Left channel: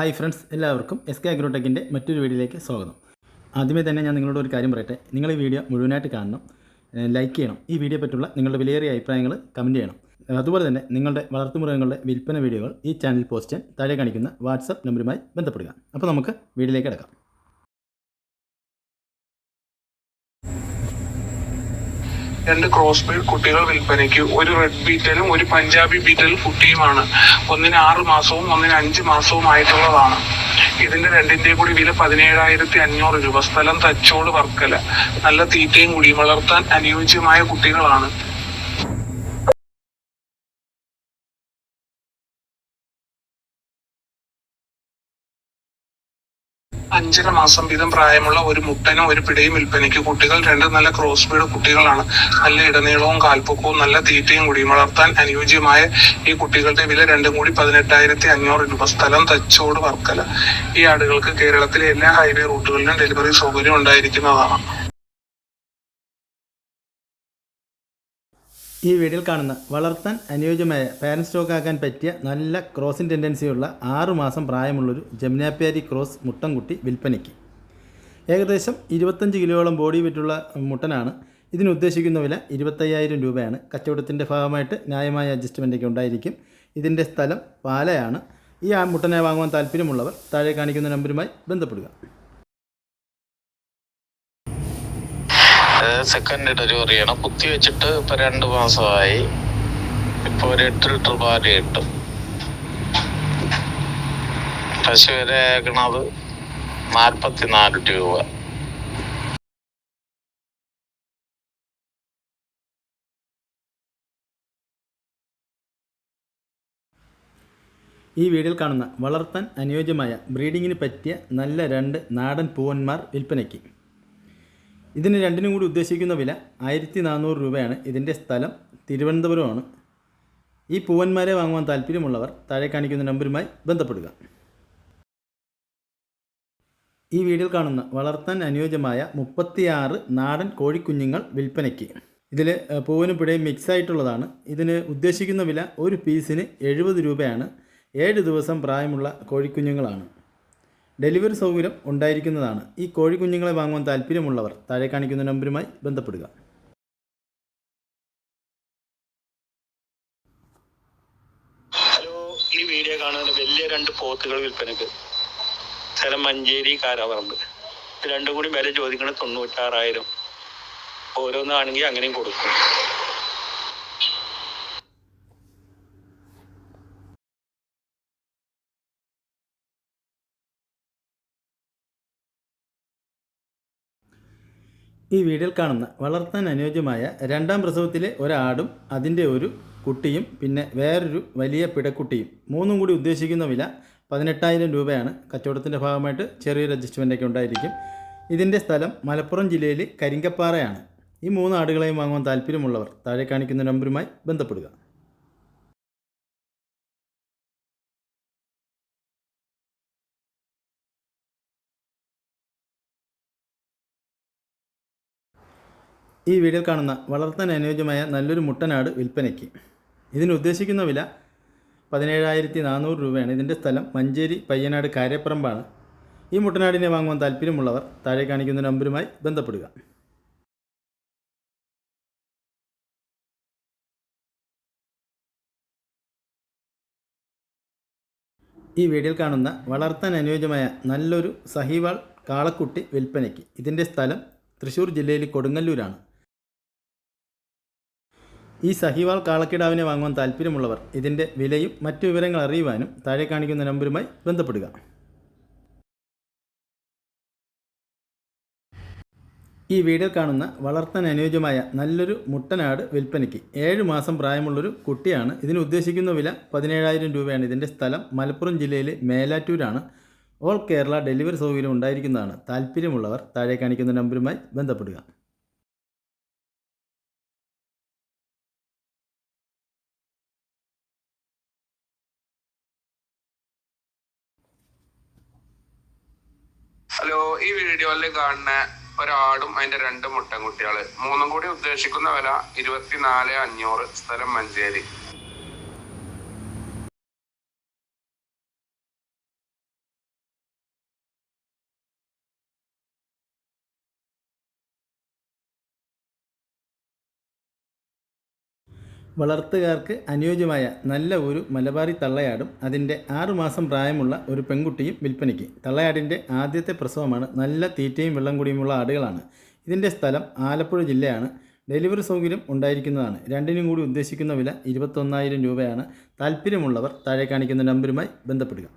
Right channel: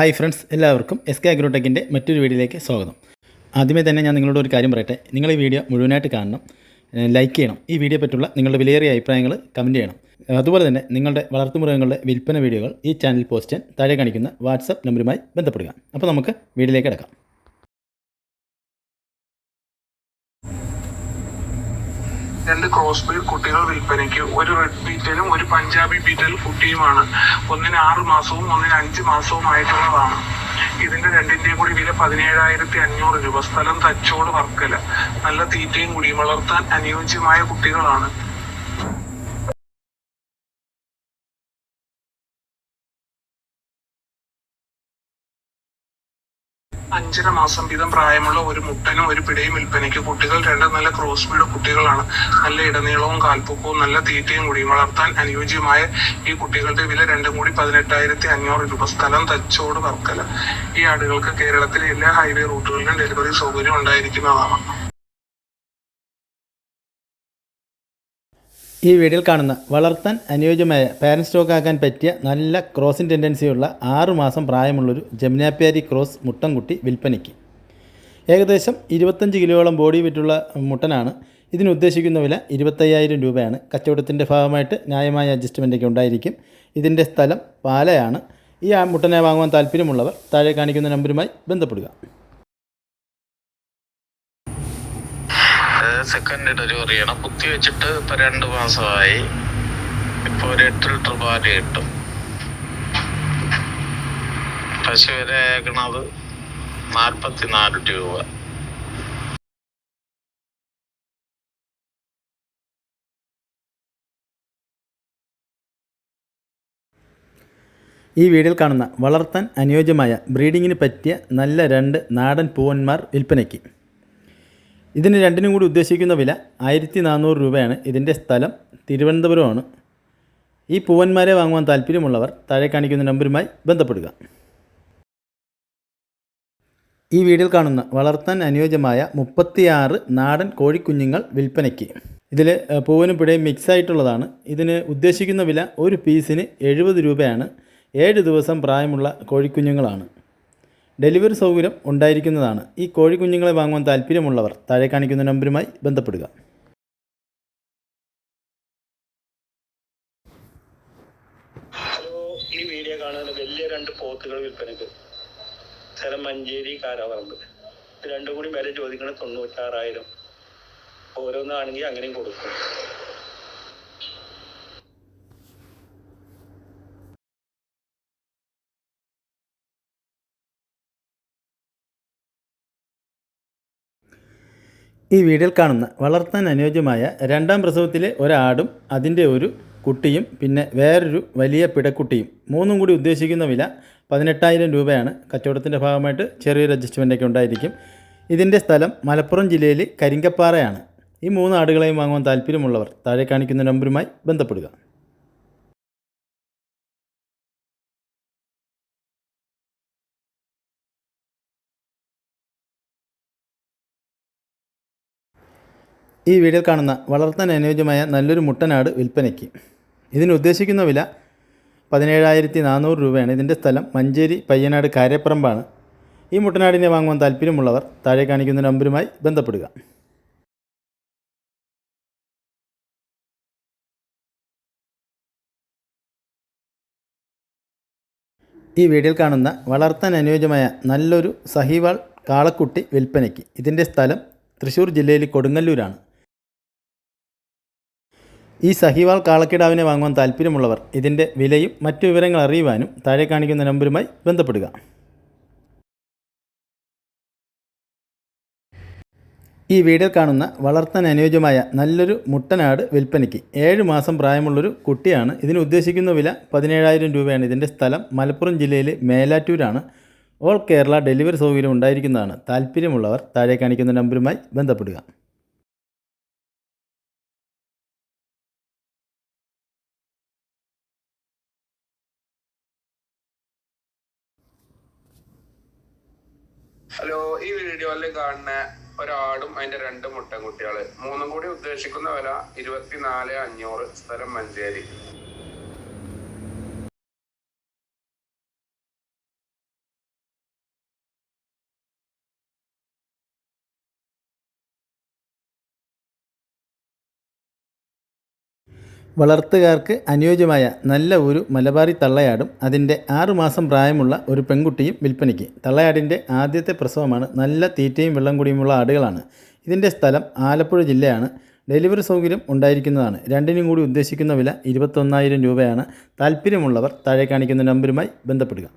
Hi friends, എല്ലാവർക്കും S K അഗ്രോടെക്കിൻ്റെ മറ്റൊരു വീഡിയോയിലേക്ക് സ്വാഗതം. ആദ്യമേ തന്നെ ഞാൻ നിങ്ങളോട് ഒരു കാര്യം പറയട്ടെ. നിങ്ങൾ ഈ വീഡിയോ മുഴുവനായിട്ട് കാണണം, ലൈക്ക് ചെയ്യണം. ഈ വീഡിയോ പറ്റുള്ള നിങ്ങളുടെ വിലയേറിയ അഭിപ്രായങ്ങൾ കമൻറ്റ് ചെയ്യണം. അതുപോലെ തന്നെ നിങ്ങളുടെ വളർത്തുമൃഗങ്ങളുടെ വിൽപ്പന വീഡിയോകൾ ഈ ചാനൽ പോസ്റ്റ് ചെയ്യാൻ താഴെ കാണിക്കുന്ന വാട്സപ്പ് നമ്പറുമായി ബന്ധപ്പെടുക. അപ്പോൾ നമുക്ക് വീഡിയോയിലേക്ക് കിടക്കാം. രണ്ട് ക്രോസ് ബ്രീഡ് കുട്ടികൾ വിൽപ്പനയ്ക്ക്. ഒരു റെഡ് ബീറ്റലും ഒരു പഞ്ചാബി ബീറ്റൽ കുട്ടിയുമാണ്. ഒന്നിന് 6 മാസവും ഒന്നിന് 5 മാസവും ആയിട്ടുള്ളതാണ്. ഇതിന്റെ രണ്ടിന്റെയും കൂടി വില 17,500 രൂപ. സ്ഥലം തച്ചോട് വർക്കല. നല്ല തീറ്റയും കൂടി വളർത്താൻ അനുയോജ്യമായ കുട്ടികളാണ്. 5.5 മാസം വീതം പ്രായമുള്ള ഒരു മുട്ടനും ഒരു പിടയും വിൽപ്പനയ്ക്ക്. കുട്ടികൾ രണ്ടും നല്ല ക്രോസ് ബ്രീഡ് കുട്ടികളാണ്. നല്ല ഇടനീളവും കാൽപ്പൊക്കവും നല്ല തീറ്റയും കൂടിയും വളർത്താൻ അനുയോജ്യമായ ഈ കുട്ടികളുടെ വില രണ്ടും കൂടി 18,500 രൂപ. സ്ഥലം തച്ചോട് വർക്കല. ഈ ആടുകൾക്ക് കേരളത്തിലെ എല്ലാ ഹൈവേ റൂട്ടുകളിലും ഡെലിവറി സൗകര്യം ഉണ്ടായിരിക്കുന്നതാണ്. ഈ വീഡിയോയിൽ കാണുന്ന വളർത്താൻ അനുയോജ്യമായ പാരന്റ് സ്റ്റോക്ക് ആക്കാൻ പറ്റിയ നല്ല ക്രോസിംഗ് ടെൻഡൻസിയുള്ള 6 മാസം പ്രായമുള്ളൊരു ജമുനാപ്യാരി ക്രോസ് മുട്ടൻകുട്ടി വിൽപ്പനയ്ക്ക്. ഏകദേശം 25 കിലോയോളം ബോഡി വെയിറ്റുള്ള മുട്ടനാണ്. ഇതിന് ഉദ്ദേശിക്കുന്ന വില 25,000 രൂപയാണ്. കച്ചവടത്തിൻ്റെ ഭാഗമായിട്ട് ന്യായമായ അഡ്ജസ്റ്റ്മെൻറ്റൊക്കെ ഉണ്ടായിരിക്കും. ഇതിൻ്റെ സ്ഥലം പാലയാണ്. ഈ മുട്ടനെ വാങ്ങുവാൻ താല്പര്യമുള്ളവർ താഴെ കാണിക്കുന്ന നമ്പറുമായി ബന്ധപ്പെടുക. സെക്കൻഡ് ഡെലിവറിയാണ്. കുത്തി വെച്ചിട്ട് ഇപ്പൊ 2 മാസമായി. ഇപ്പൊ ഒരു 8 ലിറ്റർ പാല് കിട്ടും. പശു വില ആക്കണത് 44 രൂപ. ഈ വീഡിയോയിൽ കാണുന്ന വളർത്താൻ അനുയോജ്യമായ ബ്രീഡിങ്ങിന് പറ്റിയ നല്ല 2 നാടൻ പൂവന്മാർ വിൽപ്പനയ്ക്ക്. ഇതിന് രണ്ടിനും കൂടി ഉദ്ദേശിക്കുന്ന വില 1,400 രൂപയാണ്. ഇതിൻ്റെ സ്ഥലം തിരുവനന്തപുരമാണ്. ഈ പൂവന്മാരെ വാങ്ങുവാൻ താല്പര്യമുള്ളവർ താഴെ കാണിക്കുന്ന നമ്പറുമായി ബന്ധപ്പെടുക. ഈ വീഡിയോയിൽ കാണുന്ന വളർത്താൻ അനുയോജ്യമായ 36 നാടൻ കോഴിക്കുഞ്ഞുങ്ങൾ വിൽപ്പനയ്ക്ക്. ഇതിൽ പൂവനും പിടയും മിക്സ് ആയിട്ടുള്ളതാണ്. ഇതിന് ഉദ്ദേശിക്കുന്ന വില ഒരു പീസിന് 70 രൂപയാണ്. 7 ദിവസം പ്രായമുള്ള കോഴിക്കുഞ്ഞുങ്ങളാണ്. ഡെലിവറി സൗകര്യം ഉണ്ടായിരിക്കുന്നതാണ്. ഈ കോഴിക്കുഞ്ഞുങ്ങളെ വാങ്ങുവാൻ താല്പര്യമുള്ളവർ താഴെ കാണിക്കുന്ന നമ്പറുമായി ബന്ധപ്പെടുക. ഹലോ, ഈ വീഡിയോ കാണുന്ന വലിയ 2 പോത്തുകൾ വിൽപ്പനക്ക്. സ്ഥലം മഞ്ചേരി കാരാപറമ്പ്. ഇത് രണ്ടും കൂടി വില ചോദിക്കുന്നത് 96,000. ഓരോന്നാണെങ്കിൽ അങ്ങനെയും കൊടുക്കും. ഈ വീഡിയോയിൽ കാണുന്ന വളർത്താൻ അനുയോജ്യമായ 2ാം പ്രസവത്തിലെ ഒരാടും അതിൻ്റെ ഒരു കുട്ടിയും പിന്നെ വേറൊരു വലിയ പിടക്കുട്ടിയും മൂന്നും കൂടി ഉദ്ദേശിക്കുന്ന വില 18,000 രൂപയാണ്. കച്ചവടത്തിൻ്റെ ഭാഗമായിട്ട് ചെറിയൊരു അഡ്ജസ്റ്റ്മെൻറ്റൊക്കെ ഉണ്ടായിരിക്കും. ഇതിൻ്റെ സ്ഥലം മലപ്പുറം ജില്ലയിൽ കരിങ്കപ്പാറയാണ്. ഈ 3 ആടുകളെയും വാങ്ങുവാൻ താല്പര്യമുള്ളവർ താഴെ കാണിക്കുന്ന നമ്പറുമായി ബന്ധപ്പെടുക. ഈ വീഡിയോയിൽ കാണുന്ന വളർത്താൻ അനുയോജ്യമായ നല്ലൊരു മുട്ടനാട് വിൽപ്പനയ്ക്ക്. ഇതിന് ഉദ്ദേശിക്കുന്ന വില 17,400 രൂപയാണ്. ഇതിൻ്റെ സ്ഥലം മഞ്ചേരി പയ്യനാട് കാരേപ്പറമ്പാണ്. ഈ മുട്ടനാടിനെ വാങ്ങുവാൻ താല്പര്യമുള്ളവർ താഴെ കാണിക്കുന്ന നമ്പറുമായി ബന്ധപ്പെടുക. ഈ വീഡിയോയിൽ കാണുന്ന വളർത്താൻ അനുയോജ്യമായ നല്ലൊരു സഹിവാൾ കാളക്കുട്ടി വിൽപ്പനയ്ക്ക്. ഇതിൻ്റെ സ്ഥലം തൃശ്ശൂർ ജില്ലയിൽ കൊടുങ്ങല്ലൂരാണ്. ഈ സഹിവാൾ കാളക്കിടാവിനെ വാങ്ങുവാൻ താല്പര്യമുള്ളവർ ഇതിൻ്റെ വിലയും മറ്റു വിവരങ്ങൾ അറിയുവാനും താഴെ കാണിക്കുന്ന നമ്പറുമായി ബന്ധപ്പെടുക. ഈ വീഡിയോയിൽ കാണുന്ന വളർത്താൻ അനുയോജ്യമായ നല്ലൊരു മുട്ടനാട് വിൽപ്പനയ്ക്ക്. 7 മാസം പ്രായമുള്ളൊരു കുട്ടിയാണ്. ഇതിന് ഉദ്ദേശിക്കുന്ന വില 17,000 രൂപയാണ്. ഇതിൻ്റെ സ്ഥലം മലപ്പുറം ജില്ലയിൽ മേലാറ്റൂരാണ്. ഓൾ കേരള ഡെലിവറി സൗകര്യം ഉണ്ടായിരിക്കുന്നതാണ്. താല്പര്യമുള്ളവർ താഴെ കാണിക്കുന്ന നമ്പറുമായി ബന്ധപ്പെടുക. ഹലോ, ഈ വീഡിയോയിൽ കാണുന്ന ഒരാടും അതിന്റെ 2 മുട്ടൻകുട്ടികള് മൂന്നും കൂടി ഉദ്ദേശിക്കുന്ന വില 24,500. സ്ഥലം മഞ്ചേരി. വളർത്തുകാർക്ക് അനുയോജ്യമായ നല്ല ഒരു മലബാറി തള്ളയാടും അതിൻ്റെ 6 മാസം പ്രായമുള്ള ഒരു പെൺകുട്ടിയും വിൽപ്പനയ്ക്ക്. തള്ളയാടിൻ്റെ ആദ്യത്തെ പ്രസവമാണ്. നല്ല തീറ്റയും വെള്ളം കുടിയുമുള്ള ആടുകളാണ്. ഇതിൻ്റെ സ്ഥലം ആലപ്പുഴ ജില്ലയാണ്. ഡെലിവറി സൗകര്യം ഉണ്ടായിരിക്കുന്നതാണ്. രണ്ടിനും കൂടി ഉദ്ദേശിക്കുന്ന വില 21,000 രൂപയാണ്. താല്പര്യമുള്ളവർ താഴെ കാണിക്കുന്ന നമ്പറുമായി ബന്ധപ്പെടുക.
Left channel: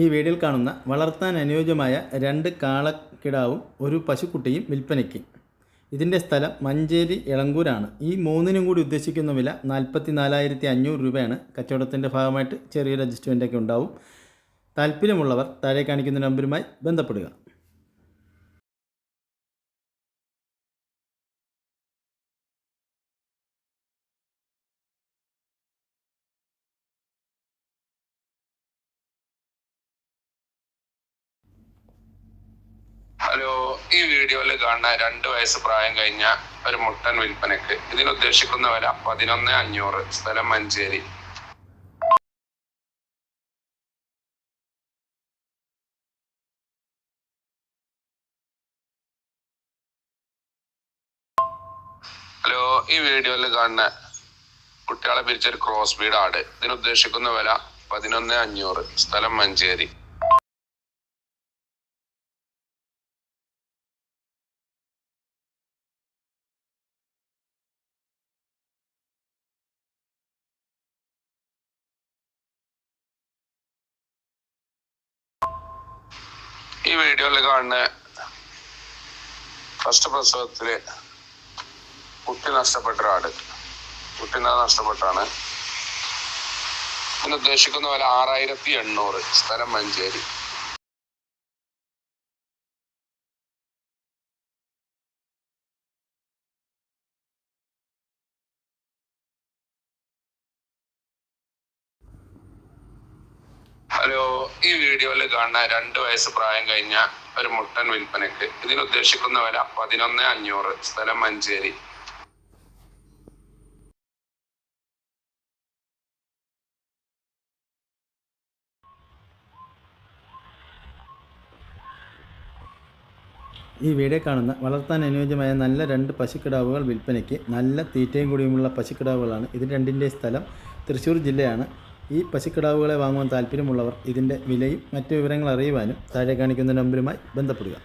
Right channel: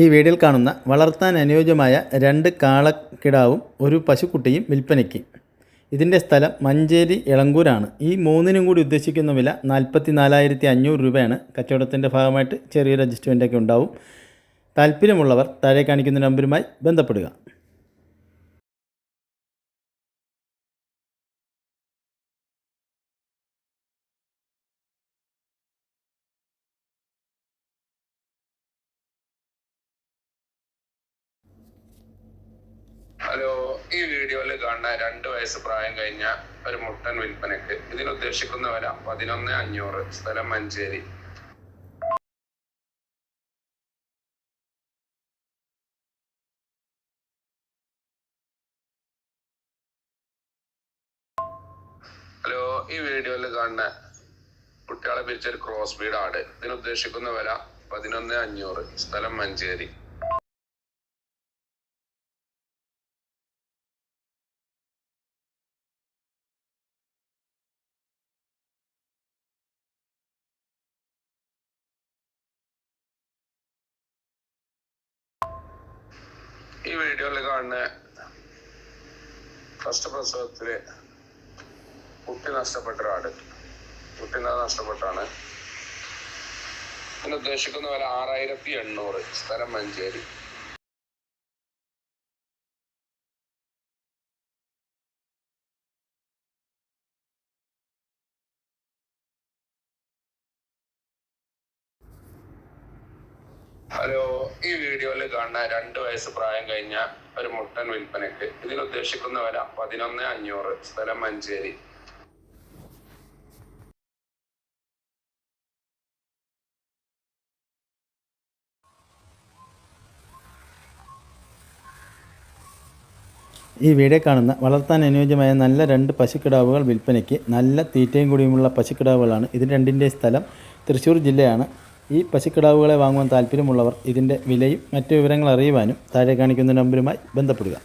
ഈ വീഡിയോയിൽ കാണുന്ന വളർത്താൻ അനുയോജ്യമായ 2 കാളക്കിടാവും ഒരു പശുക്കുട്ടിയും വിൽപ്പനയ്ക്ക്. ഇതിൻ്റെ സ്ഥലം മഞ്ചേരി എളങ്കൂരാണ്. ഈ 3നും കൂടി ഉദ്ദേശിക്കുന്ന വില 44,500 രൂപയാണ്. കച്ചവടത്തിൻ്റെ ഭാഗമായിട്ട് ചെറിയൊരു അഡ്ജസ്റ്റ്മെൻറ്റൊക്കെ ഉണ്ടാവും. താല്പര്യമുള്ളവർ താഴെ കാണിക്കുന്ന നമ്പറുമായി ബന്ധപ്പെടുക. ഹലോ, ഈ വീഡിയോയിൽ കാണുന്ന 2 വയസ്സ് പ്രായം കഴിഞ്ഞ ഒരു മുട്ടൻ വിൽപ്പനക്ക്. ഇതിന് ഉദ്ദേശിക്കുന്ന വില 11,500. സ്ഥലം മഞ്ചേരി. ഹലോ, ഈ വീഡിയോയിൽ കാണുന്ന കുട്ടികളെ പിരിച്ചൊരു ക്രോസ് ബീഡ് ആട്. ഇതിന് ഉദ്ദേശിക്കുന്ന വില 11,500. സ്ഥലം മഞ്ചേരി. ഈ വീഡിയോയിൽ കാണുന്ന ഫസ്റ്റ് പ്രസവത്തില് കുട്ടി നഷ്ടപ്പെട്ട ആട്. കുട്ടിനെ നഷ്ടപ്പെട്ടാണ്. ഇതിന് ഉദ്ദേശിക്കുന്ന വില 6,800. സ്ഥലം മഞ്ചേരി. ഹലോ, ഈ വീഡിയോയിൽ കാണുന്ന 2 വയസ്സ് പ്രായം കഴിഞ്ഞ ഒരു മുട്ടൻ വിൽപ്പനക്ക്. ഇതിന് ഉദ്ദേശിക്കുന്ന വില 11,500. സ്ഥലം മഞ്ചേരി. ഈ വീഡിയോ കാണുന്ന വളർത്താൻ അനുയോജ്യമായ നല്ല 2 പശുക്കിടാവുകൾ വിൽപ്പനയ്ക്ക്. നല്ല തീറ്റയും കൂടിയുമുള്ള പശുക്കിടാവുകളാണ്. ഇത് രണ്ടിൻ്റെ സ്ഥലം തൃശ്ശൂർ ജില്ലയാണ്. ഈ പശുക്കിടാവുകളെ വാങ്ങുവാൻ താല്പര്യമുള്ളവർ ഇതിൻ്റെ വിലയും മറ്റു വിവരങ്ങൾ അറിയുവാനും താഴെ കാണിക്കുന്ന നമ്പറുമായി ബന്ധപ്പെടുക.